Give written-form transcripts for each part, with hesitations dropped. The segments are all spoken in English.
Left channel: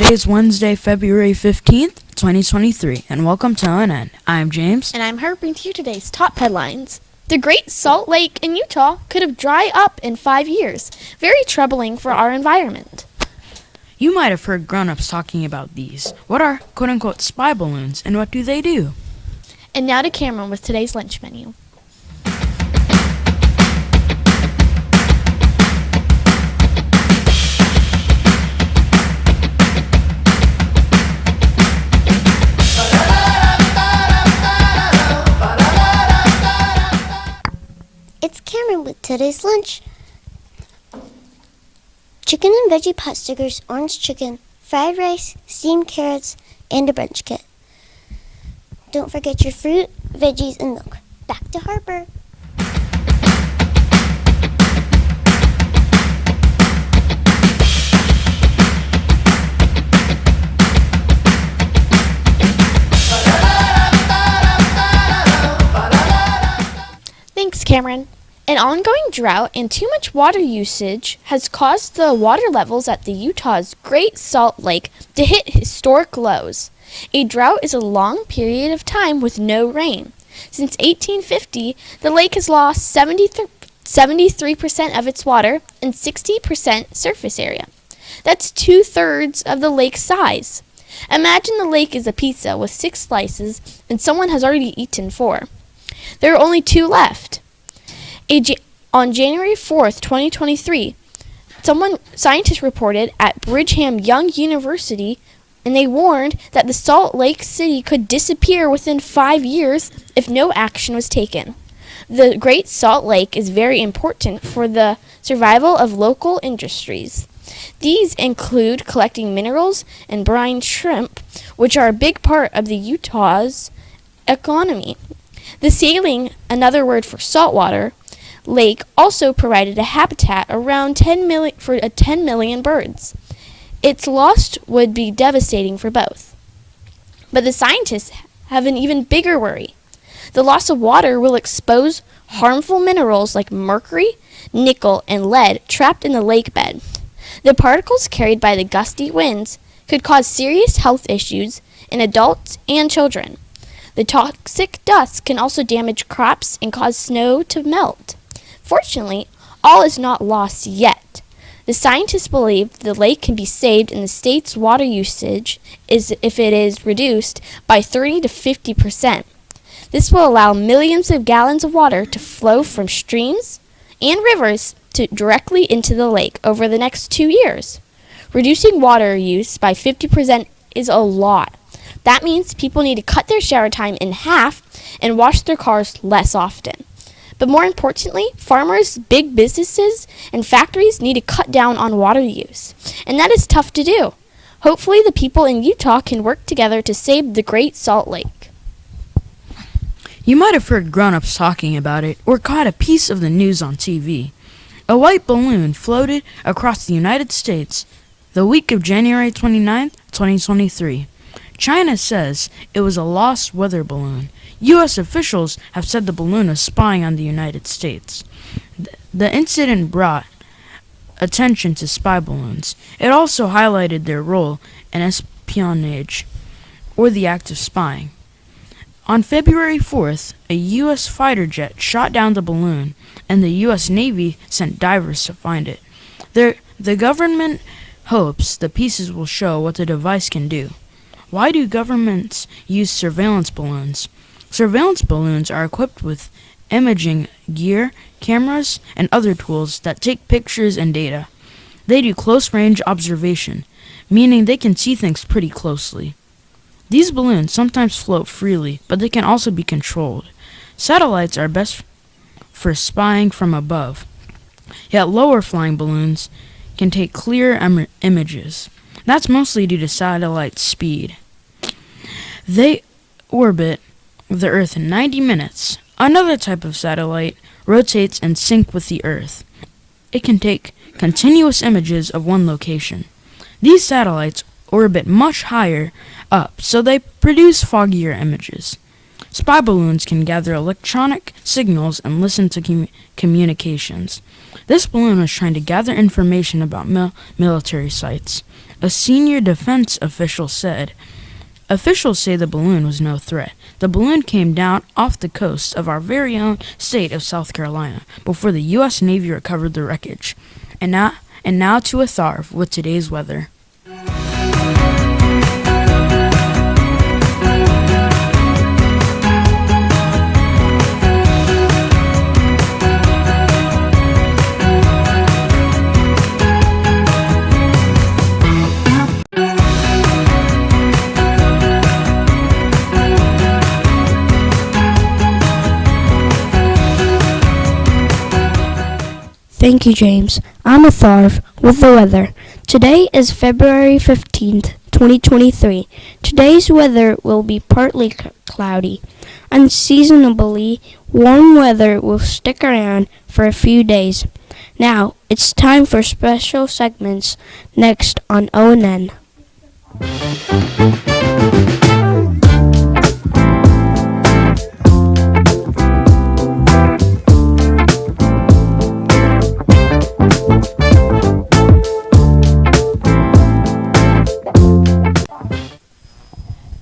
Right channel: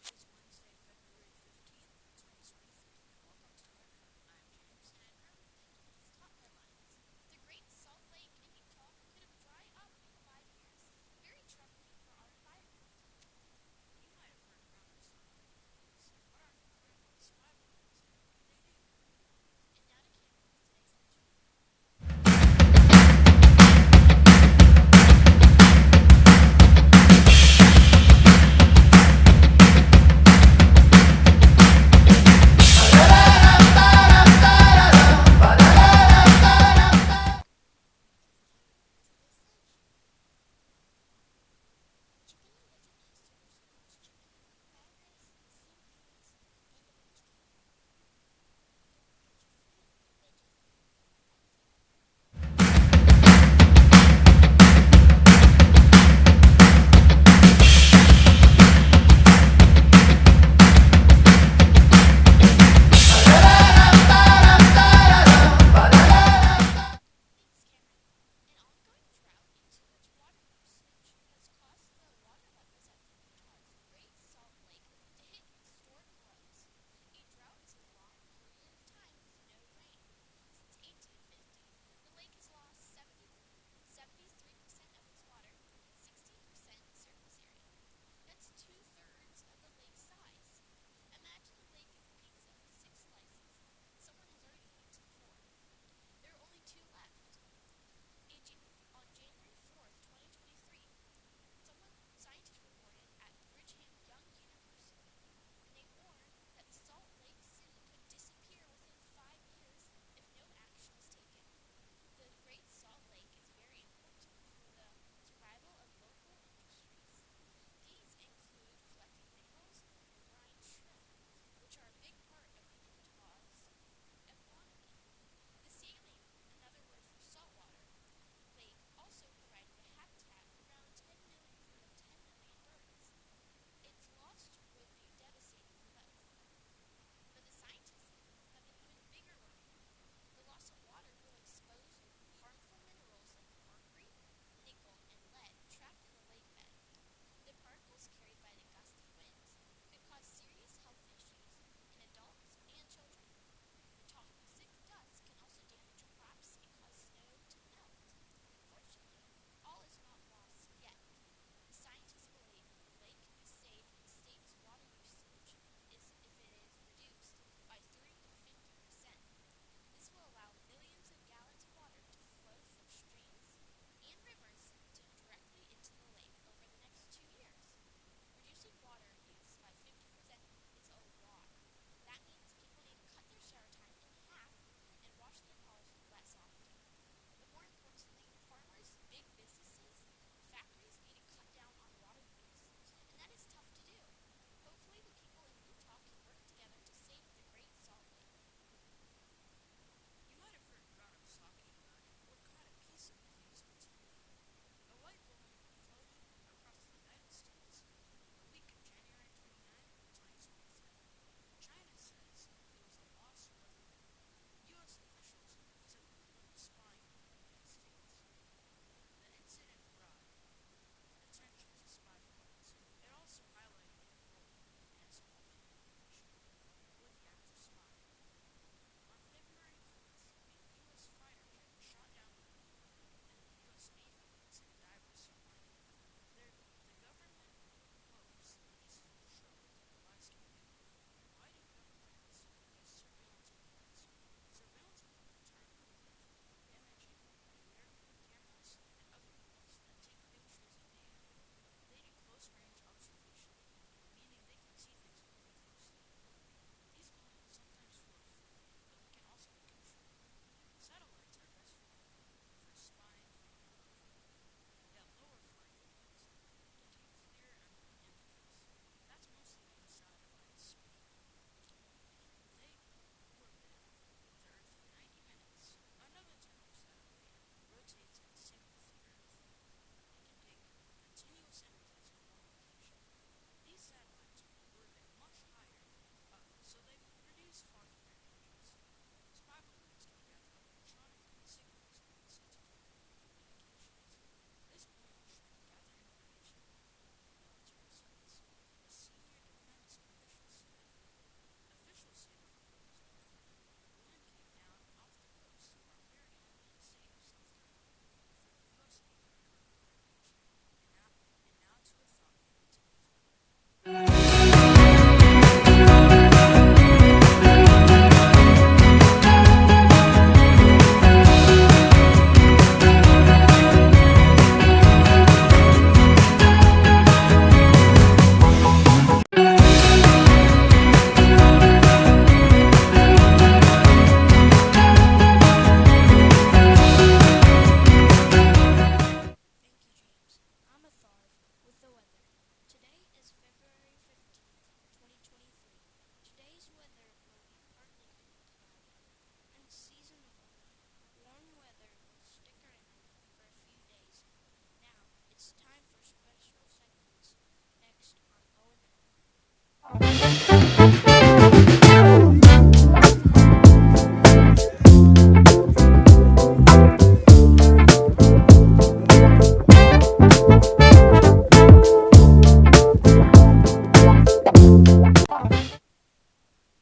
Today is Wednesday, February 15th, 2023, and welcome to ONN. I'm James. And I'm Herb, bringing you today's top headlines. The Great Salt Lake in Utah could have dried up in 5 years. Very troubling for our environment. You might have heard grown-ups talking about these. What are quote-unquote spy balloons, and what do they do? And now to Cameron with today's lunch menu. It's Cameron with today's lunch. Chicken and veggie pot stickers, orange chicken, fried rice, steamed carrots, and a brunch kit. Don't forget your fruit, veggies, and milk. Back to Harper. Thanks, Cameron. An ongoing drought and too much water usage has caused the water levels at the Utah's Great Salt Lake to hit historic lows. A drought is a long period of time with no rain. Since 1850, the lake has lost 73% of its water and 60% surface area. That's 2/3 of the lake's size. Imagine the lake is a pizza with 6 slices and someone has already eaten 4. There are only 2 left. On January 4th, 2023, scientists reported at Brigham Young University, and they warned that the Salt Lake City could disappear within 5 years if no action was taken. The Great Salt Lake is very important for the survival of local industries. These include collecting minerals and brine shrimp, which are a big part of the Utah's economy. The saline, another word for saltwater, lake also provided a habitat around 10 million birds. Its loss would be devastating for both. But the scientists have an even bigger worry. The loss of water will expose harmful minerals like mercury, nickel, and lead trapped in the lake bed. The particles carried by the gusty winds could cause serious health issues in adults and children. The toxic dust can also damage crops and cause snow to melt. Fortunately, all is not lost yet. The scientists believe the lake can be saved and the state's water usage if it is reduced by 30 to 50%. This will allow millions of gallons of water to flow from streams and rivers directly into the lake over the next 2 years. Reducing water use by 50% is a lot. That means people need to cut their shower time in half and wash their cars less often. But more importantly, farmers, big businesses, and factories need to cut down on water use. And that is tough to do. Hopefully the people in Utah can work together to save the Great Salt Lake. You might have heard grown-ups talking about it or caught a piece of the news on TV. A white balloon floated across the United States the week of January 29th, 2023. China says it was a lost weather balloon. U.S. officials have said the balloon was spying on the United States. The incident brought attention to spy balloons. It also highlighted their role in espionage, or the act of spying. On February 4th, a U.S. fighter jet shot down the balloon, and the U.S. Navy sent divers to find it. The government hopes the pieces will show what the device can do. Why do governments use surveillance balloons? Surveillance balloons are equipped with imaging gear, cameras, and other tools that take pictures and data. They do close-range observation, meaning they can see things pretty closely. These balloons sometimes float freely, but they can also be controlled. Satellites are best for spying from above, yet lower-flying balloons can take clear images. That's mostly due to satellite speed. They orbit the Earth in 90 minutes. Another type of satellite rotates in sync with the Earth. It can take continuous images of one location. These satellites orbit much higher up, so they produce foggier images. Spy balloons can gather electronic signals and listen to communications. This balloon was trying to gather information about military sites. a senior defense official said. Officials say the balloon was no threat. The balloon came down off the coast of our very own state of South Carolina before the U.S. Navy recovered the wreckage. And now to a Tharv with today's weather. Thank you, James. I'm a Tharv with the weather. Today is February 15th, 2023. Today's weather will be partly cloudy. Unseasonably warm weather will stick around for a few days. Now, it's time for special segments next on ONN.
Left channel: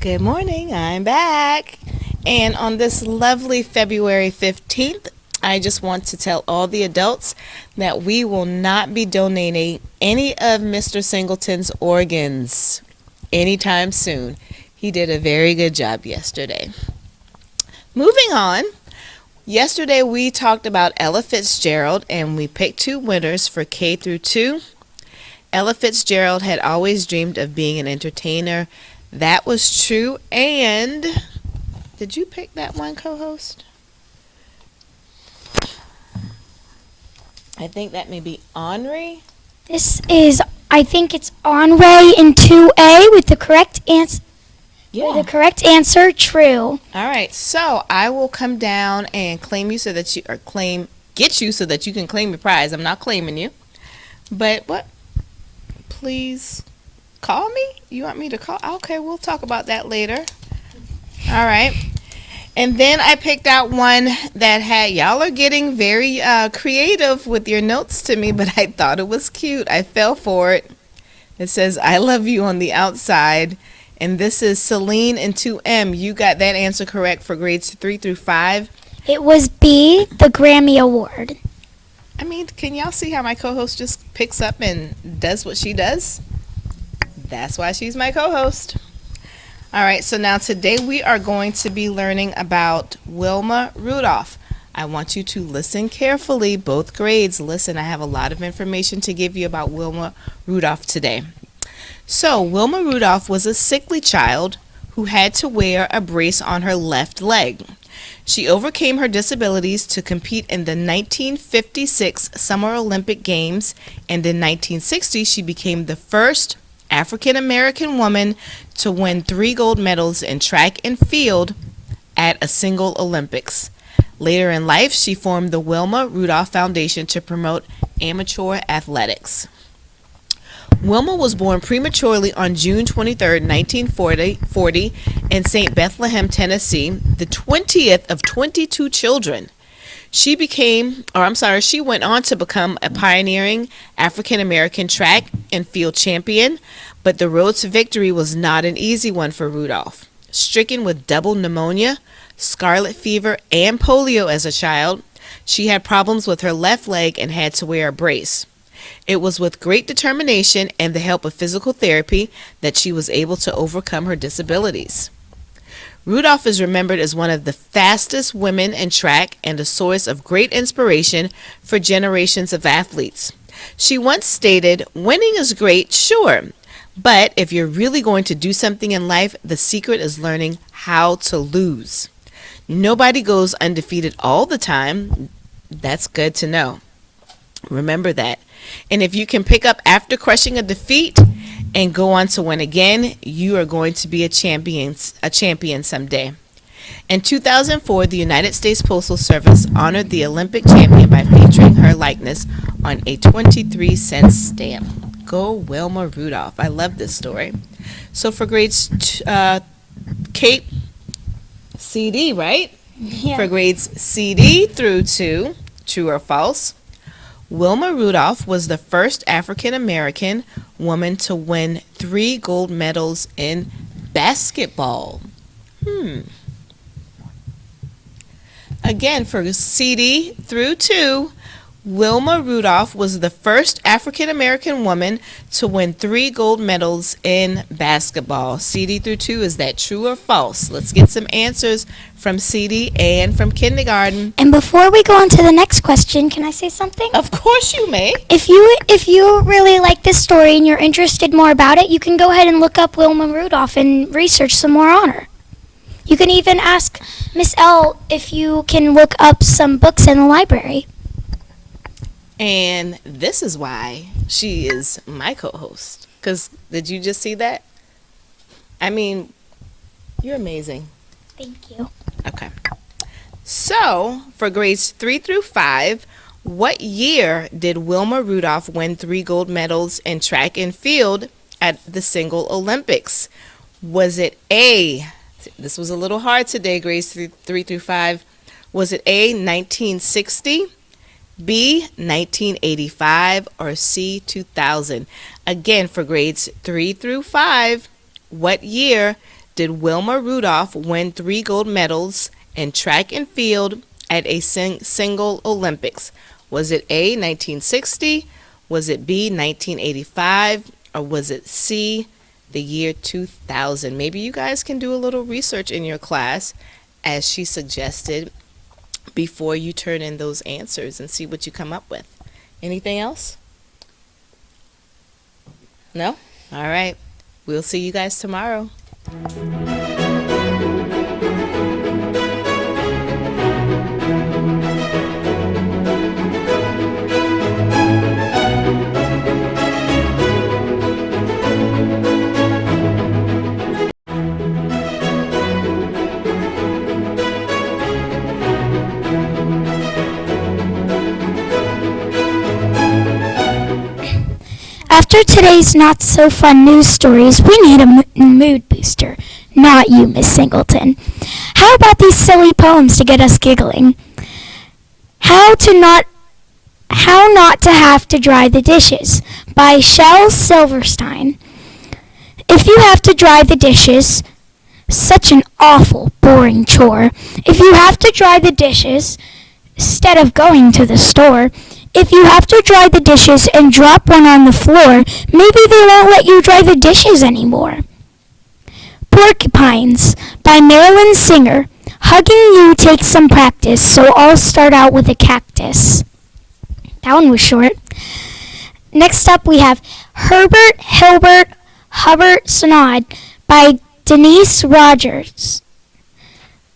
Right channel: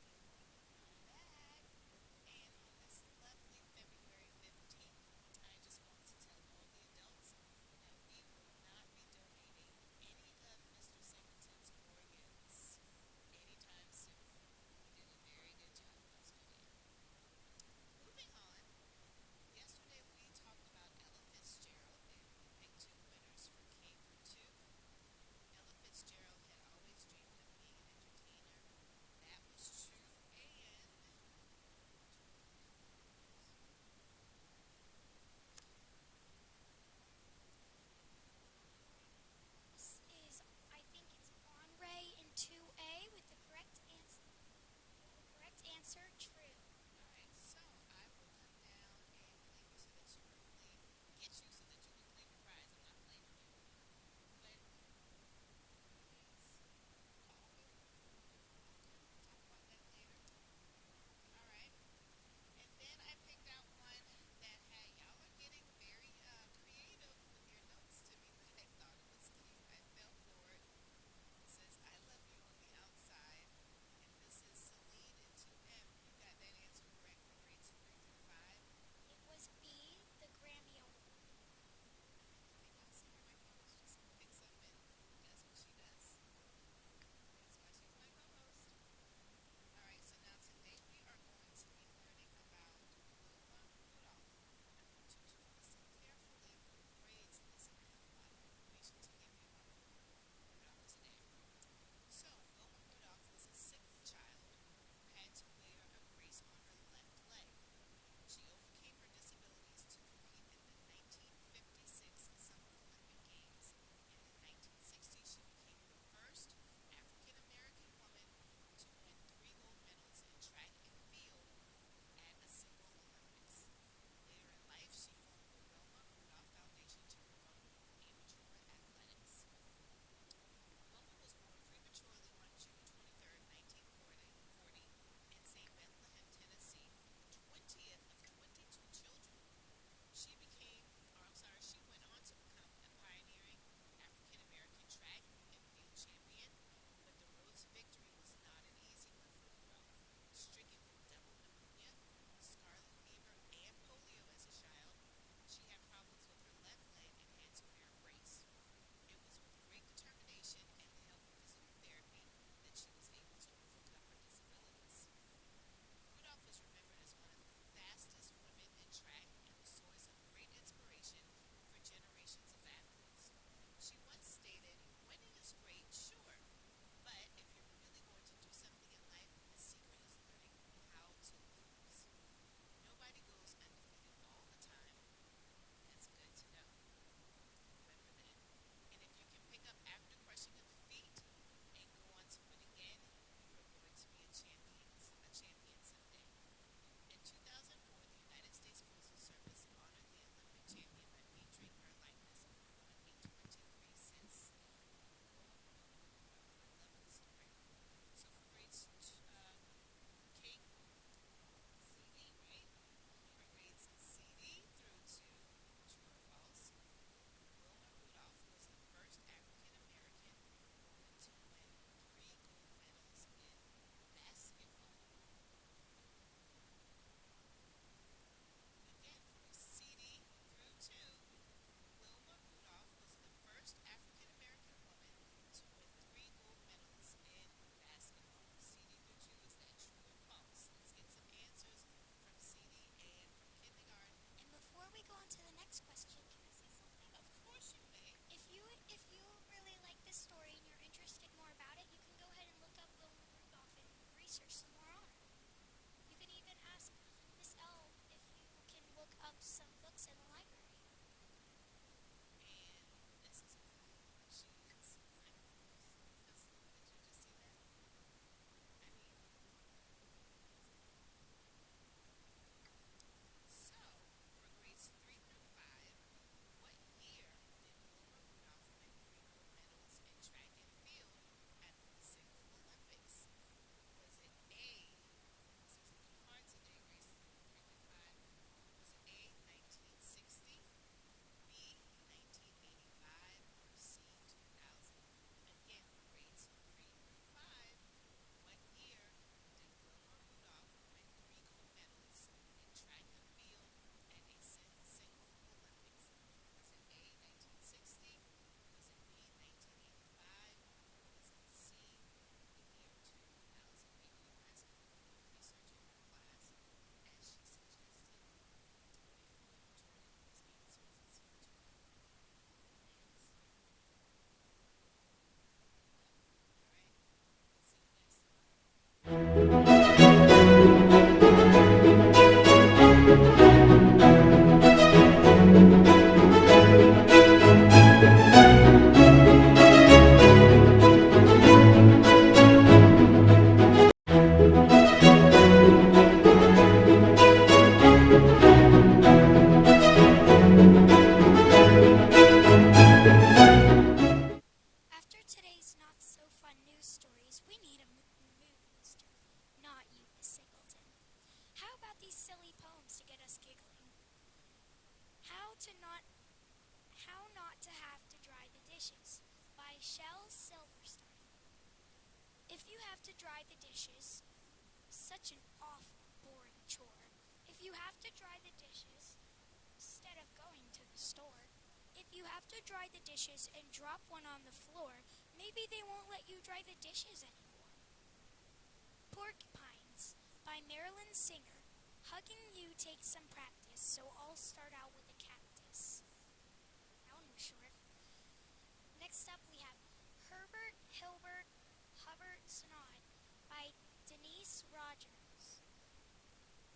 Good morning, I'm back. And on this lovely February 15th, I just want to tell all the adults that we will not be donating any of Mr. Singleton's organs anytime soon. He did a very good job yesterday. Moving on, yesterday we talked about Ella Fitzgerald and we picked 2 winners for K through 2. Ella Fitzgerald had always dreamed of being an entertainer. That was true. And did you pick that one, co-host? I think that may be Henri. I think it's Henri in 2A with the correct answer. Yeah. The correct answer, true. All right. So I will come down and claim you so that get you so that you can claim your prize. I'm not claiming you. But what? Please call me? You want me to call? Okay, we'll talk about that later. All right. And then I picked out one that had, y'all are getting very creative with your notes to me, but I thought it was cute. I fell for it. It says, I love you on the outside. And this is Celine in 2M. You got that answer correct for grades 3 through 5. It was B, the Grammy Award. I mean, can y'all see how my co-host just picks up and does what she does? That's why she's my co-host. All right, so now today we are going to be learning about Wilma Rudolph. I want you to listen carefully, both grades. Listen, I have a lot of information to give you about Wilma Rudolph today. So, Wilma Rudolph was a sickly child who had to wear a brace on her left leg. She overcame her disabilities to compete in the 1956 Summer Olympic Games, and in 1960 she became the first African-American woman to win 3 gold medals in track and field at a single Olympics. Later in life, she formed the Wilma Rudolph Foundation to promote amateur athletics. Wilma was born prematurely on June 23, 1940 in St. Bethlehem, Tennessee, the 20th of 22 children. She went on to become a pioneering African-American track and field champion, but the road to victory was not an easy one for Rudolph. Stricken with double pneumonia, scarlet fever, and polio as a child, she had problems with her left leg and had to wear a brace. It was with great determination and the help of physical therapy that she was able to overcome her disabilities. Rudolph is remembered as one of the fastest women in track and a source of great inspiration for generations of athletes. She once stated, "Winning is great, sure, but if you're really going to do something in life, the secret is learning how to lose. Nobody goes undefeated all the time. That's good to know. Remember that. And if you can pick up after crushing a defeat and go on to win again, you are going to be a champion someday." In 2004, the United States Postal Service honored the Olympic champion by featuring her likeness on a 23-cent stamp. Go Wilma Rudolph. I love this story. So for grades Kate, CD, right? Yeah. For grades CD through 2, true or false, Wilma Rudolph was the first African American woman to win 3 gold medals in basketball. Again, for CD through 2, Wilma Rudolph was the first African American woman to win 3 gold medals in basketball. CD through 2, is that true or false? Let's get some answers from CD and from kindergarten. And before we go on to the next question, can I say something? Of course you may. If you really like this story and you're interested more about it, you can go ahead and look up Wilma Rudolph and research some more on her. You can even ask Miss L if you can look up some books in the library. And this is why she is my co-host. Because did you just see that? I mean, you're amazing. Thank you. Okay. So, for grades 3 through 5, what year did Wilma Rudolph win 3 gold medals in track and field at the Single Olympics? Was it A, this was a little hard today, grades 3 through 5. Was it A, 1960, B, 1985, or C, 2000? Again, for grades 3 through 5, what year did Wilma Rudolph win 3 gold medals in track and field at a single Olympics? Was it A, 1960, was it B, 1985, or was it C, the year 2000? Maybe you guys can do a little research in your class, as she suggested, before you turn in those answers and see what you come up with. Anything else? No? All right. We'll see you guys tomorrow. After today's not-so-fun news stories, we need a mood booster. Not you, Miss Singleton. How about these silly poems to get us giggling? How Not to Have to Dry the Dishes by Shel Silverstein. If you have to dry the dishes, such an awful, boring chore. If you have to dry the dishes, instead of going to the store, if you have to dry the dishes and drop one on the floor, maybe they won't let you dry the dishes anymore. Porcupines by Marilyn Singer. Hugging you takes some practice, so I'll start out with a cactus. That one was short. Next up we have Herbert Hilbert Hubbard Snod by Denise Rogers.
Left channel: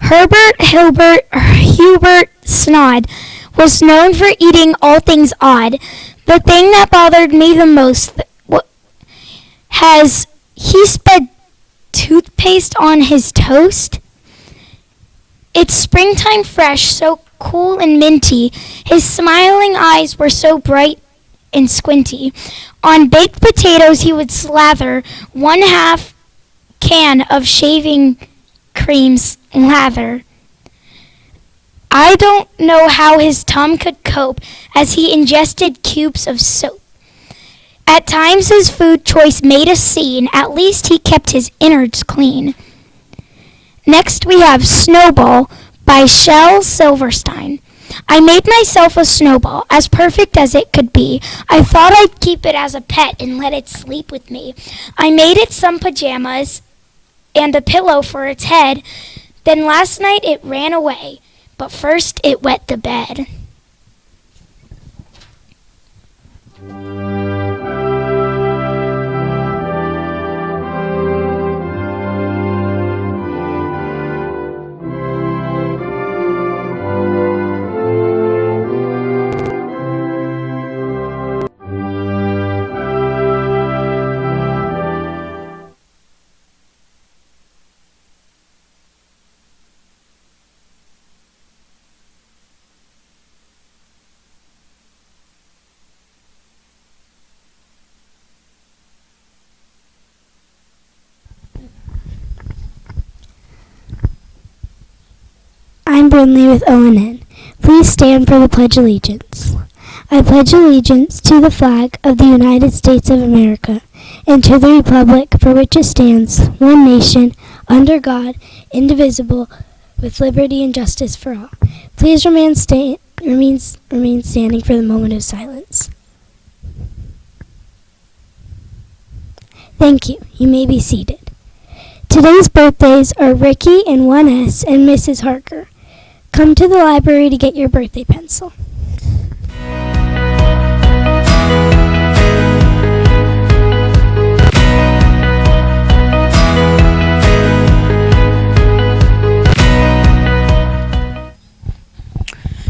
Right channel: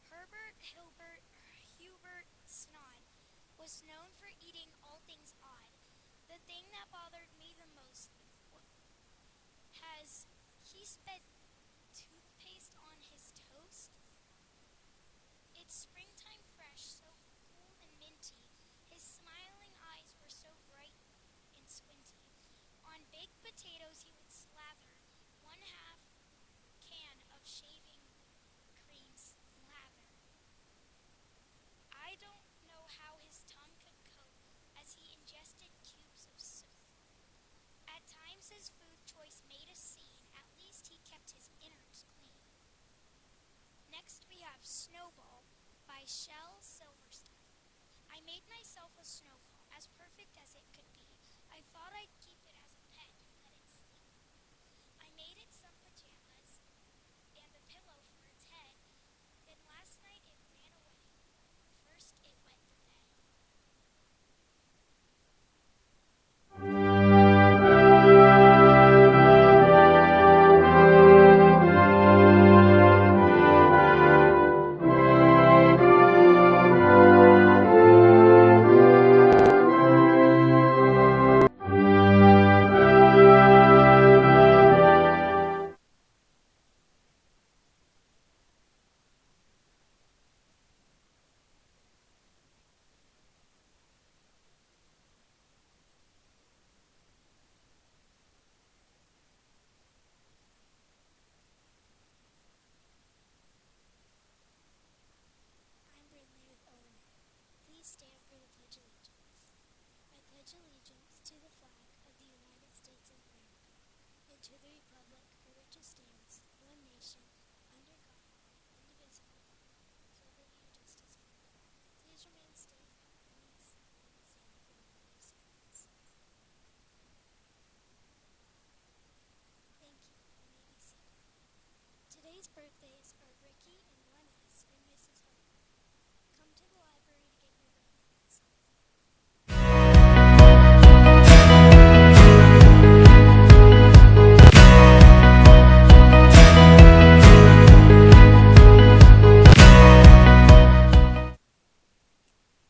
Herbert Hubert Snod was known for eating all things odd. The thing that bothered me the most has he sped toothpaste on his toast? It's springtime fresh, so cool and minty. His smiling eyes were so bright and squinty. On baked potatoes he would slather 1/2 can of shaving cream's lather. I don't know how his tongue could cope as he ingested cubes of soap. At times his food choice made a scene, at least he kept his innards clean. Next we have Snowball by Shel Silverstein. I made myself a snowball, as perfect as it could be. I thought I'd keep it as a pet and let it sleep with me. I made it some pajamas and a pillow for its head. Then last night it ran away. But first it wet the bed. I'm Brindley with ONN. Please stand for the Pledge of Allegiance. I pledge allegiance to the flag of the United States of America and to the republic for which it stands, one nation, under God, indivisible, with liberty and justice for all. Please remain standing for the moment of silence. Thank you. You may be seated. Today's birthdays are Ricky and 1S and Mrs. Harker. Come to the library to get your birthday pencil.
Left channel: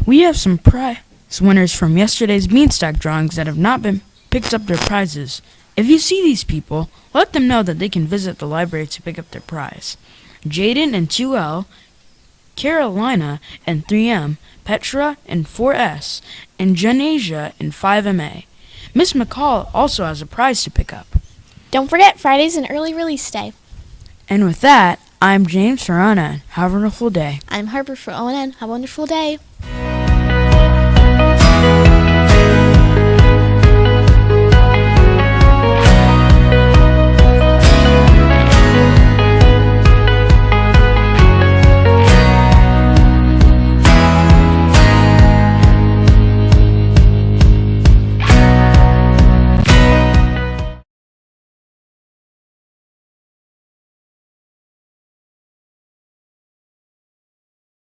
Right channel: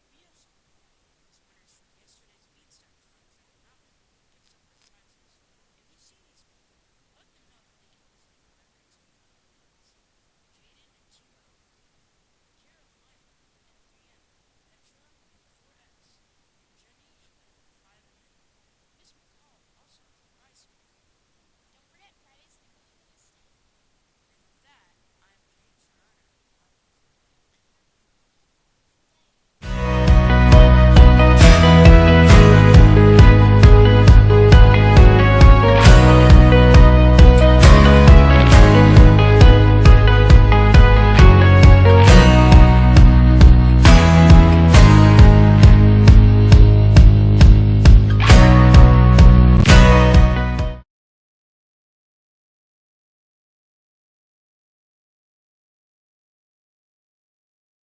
We have some prize winners from yesterday's Beanstalk drawings that have not been picked up their prizes. If you see these people, let them know that they can visit the library to pick up their prize. Jaden and 2L, Carolina and 3M, Petra and 4S, and Janasia and 5MA. Miss McCall also has a prize to pick up. Don't forget, Friday's an early release day. And with that, I'm James for ONN. Have a wonderful day. I'm Harper for ONN. Have a wonderful day.